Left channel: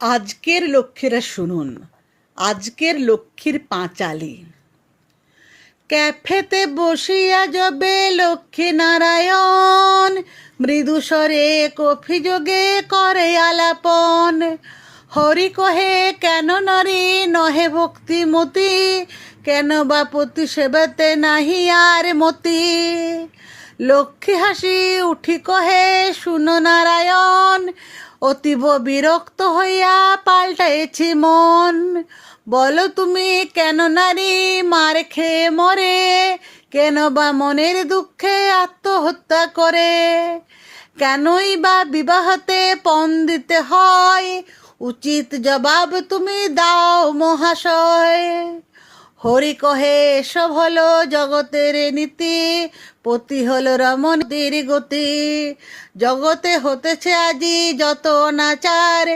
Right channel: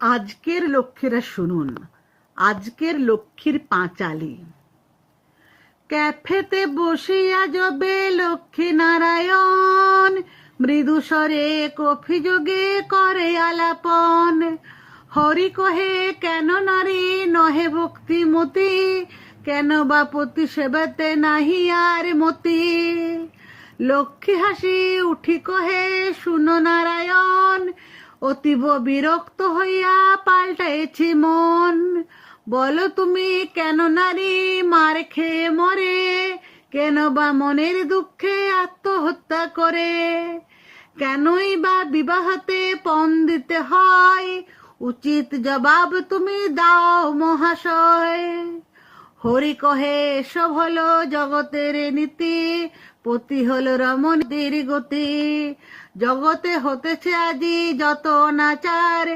আজকের লক্ষ্মীরা শুনুন, আজকের লক্ষ্মীর পাঁচালি। ক্যাফেতে বসিয়া যবে লক্ষ্মী নারায়ণ মৃদু স্বরে কফি যোগে করে আলাপন। হরি কহে, কেন নরি, নহে ভক্তিমতি? কেন বা পতি সেবাতে নাহি আর মতি? লক্ষ্মী হাসি, উঠি কহে, শুনো নারায়ণ অতীব বিরক্ত হইয়া পাল্টাইছি মন। বলো তুমি, কেন নারী মার খেয়ে মরে? কেন বা মনের দুঃখে আত্মহত্যা করে? কেনই বা বিবাহতে পণ দিতে হয়? উচিত জবাব তুমি দাও মহাশয়। হরি কহে, এসব হলো জগতের নীতি। পতি হলো রমন গতি। জগতে হতেছে আজি যত অনাচার।